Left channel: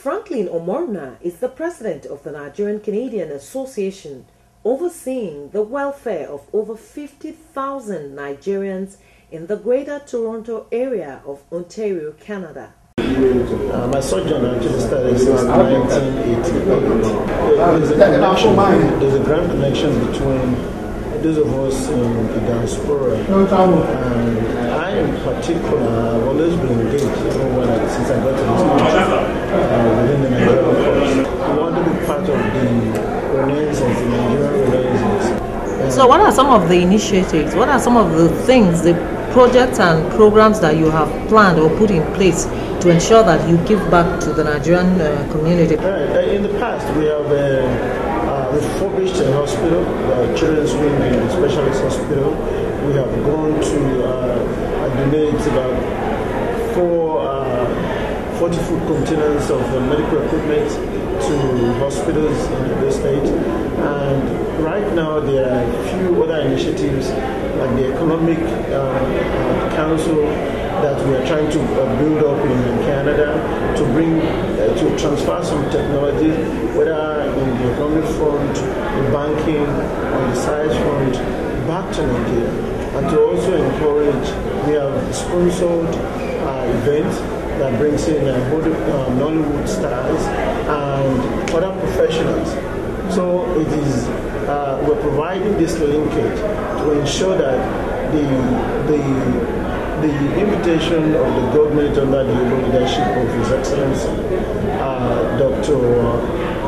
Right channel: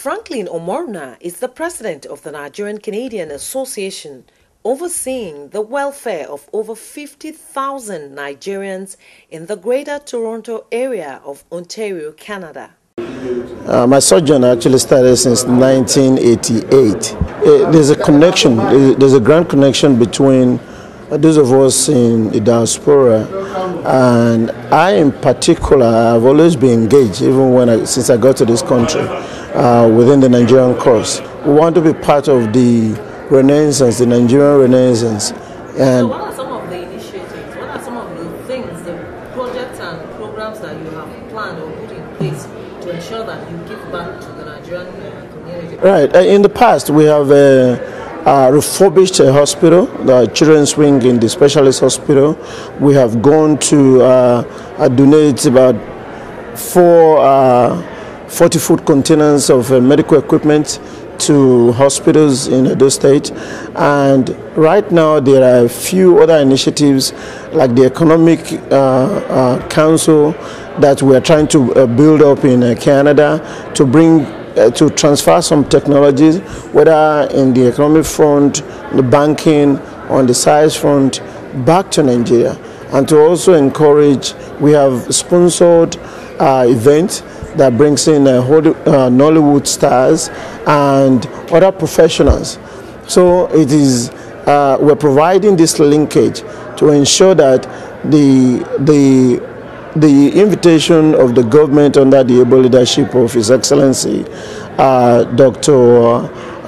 Franklin Omoruna is the president of the Nigerian Canadian Association, overseeing the welfare of over 50,000 Nigerians in the Greater Toronto area of Ontario, Canada. My sojourn actually started since 1988. There's a connection, there's a grand connection between those of us in the diaspora, and I in particular have always been engaged, even since I got to this country, within the Nigerian cause. We want to be part of the Renaissance, the Nigerian Renaissance. So what are some of the initiatives, what are some of the things, the projects and programs that you have planned or put in place to ensure that you give back to the Nigerian community? Right. In the past, we have refurbished a hospital, the children's wing in the specialist hospital. We have gone to donate about 40-foot containers of medical equipment to hospitals in Edo State. And right now there are a few other initiatives like the Economic Council that we are trying to build up in Canada to transfer some technologies, whether in the economic front, the banking, on the science front, back to Nigeria. And to also encourage, we have sponsored events that brings in Nollywood stars and other professionals. So it is, we're providing this linkage to ensure that the invitation of the government under the able leadership of His Excellency, Dr.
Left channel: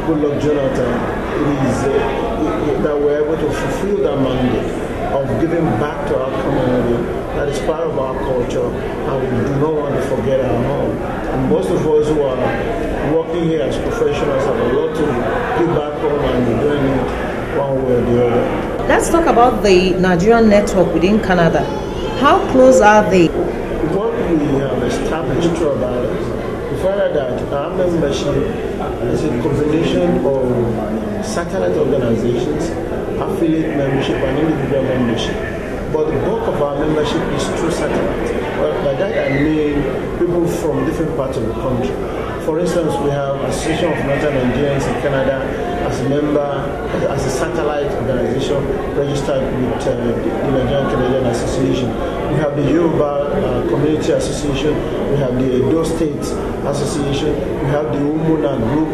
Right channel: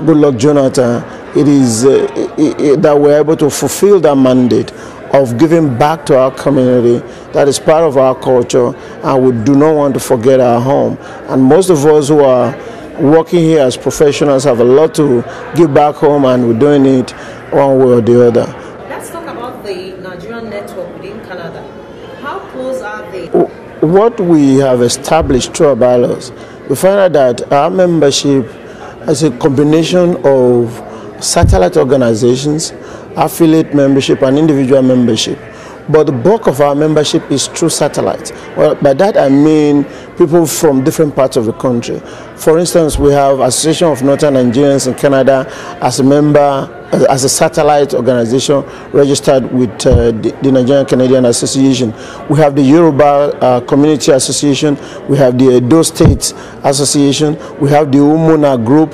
Goodluck Jonathan, it is that we're able to fulfill that mandate of giving back to our community. That is part of our culture, and we do not want to forget our home. And most of us who are working here as professionals have a lot to give back home, and we're doing it one way or the other. Let's talk about the Nigerian network within Canada. How close are they? What we have established through our bylaws, we find out that our membership is a combination of satellite organizations, affiliate membership, and individual membership. But the bulk of our membership is through satellite. Well, by that I mean people from different parts of the country. For instance, we have Association of Northern Nigerians in Canada as a member, as a satellite organization registered with the Nigerian Canadian Association. We have the Yoruba Community Association, we have the Edo State Association, we have the Omoruna group.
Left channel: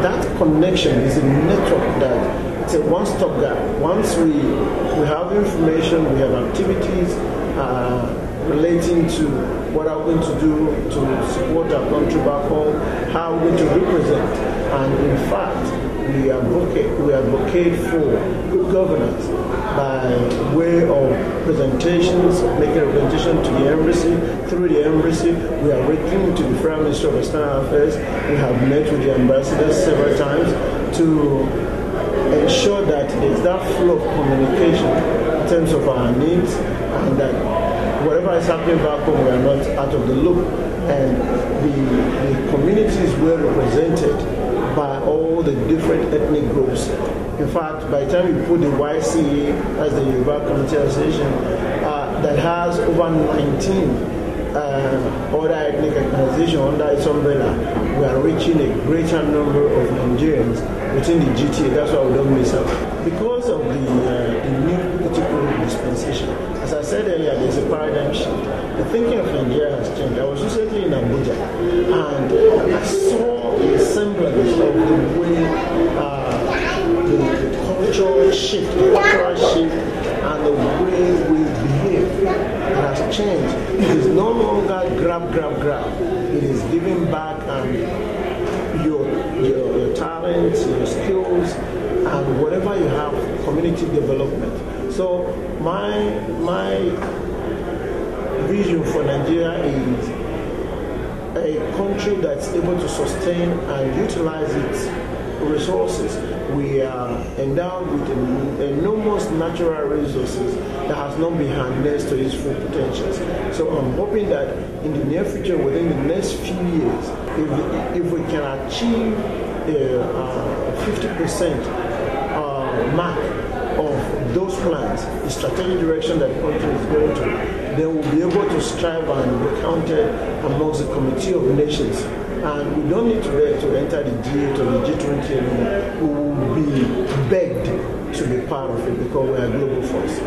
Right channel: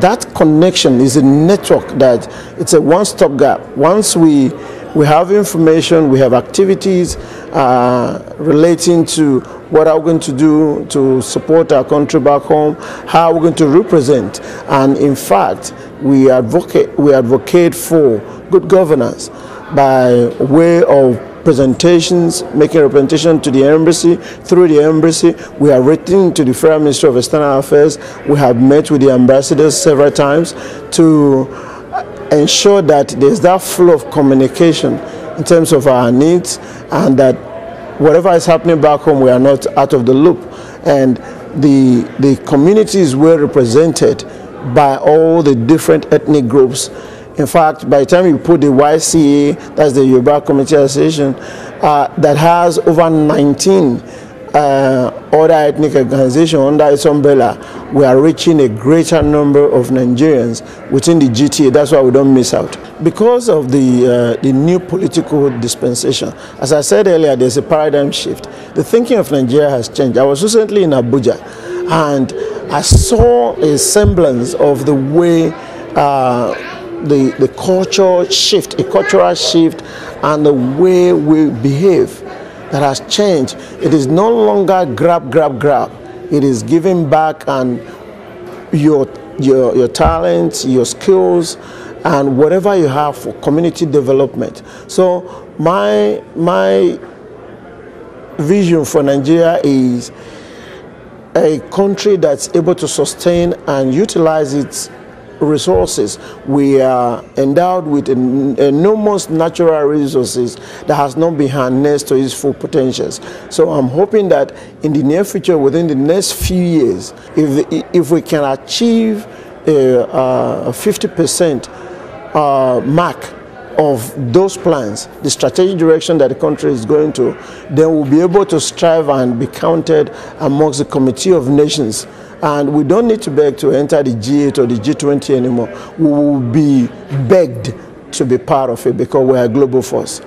That connection is a network that it's a one-stop gap. Once we have information, we have activities relating to what are we going to do to support our country back home, how we're going to represent. And in fact, we advocate for good governance by way of presentations, making representation to the embassy. Through the embassy, we have written to the Federal Ministry of External Affairs. We have met with the ambassadors several times to ensure that there's that flow of communication in terms of our needs, and that whatever is happening back home, we are not out of the loop. And the community is well represented by all the different ethnic groups. In fact, by the time you put the YCA, that's the Yoruba Community Association, that has over 19 other ethnic organizations under its umbrella, we are reaching a greater number of Nigerians within the GTA. That's why we don't miss out. Because of the new political dispensation, as I said earlier, there's a paradigm shift. The thinking of Nigeria has changed. I was recently in Abuja, and I saw a semblance of the way the cultural shift, a cultural shift, and the way we behave that has changed. It is no longer grab. It is giving back, and your talents, your skills, and whatever you have for community development. So my vision for Nigeria is a country that's able to sustain and utilize its resources. We are endowed with enormous natural resources that has not been harnessed to its full potentials. So I'm hoping that in the near future, within the next few years, if we can achieve a 50% mark of those plans, the strategic direction that the country is going to, then we'll be able to strive and be counted amongst the Committee of Nations And we don't need to beg to enter the G8 or the G20 anymore. We will be begged to be part of it because we are a global force.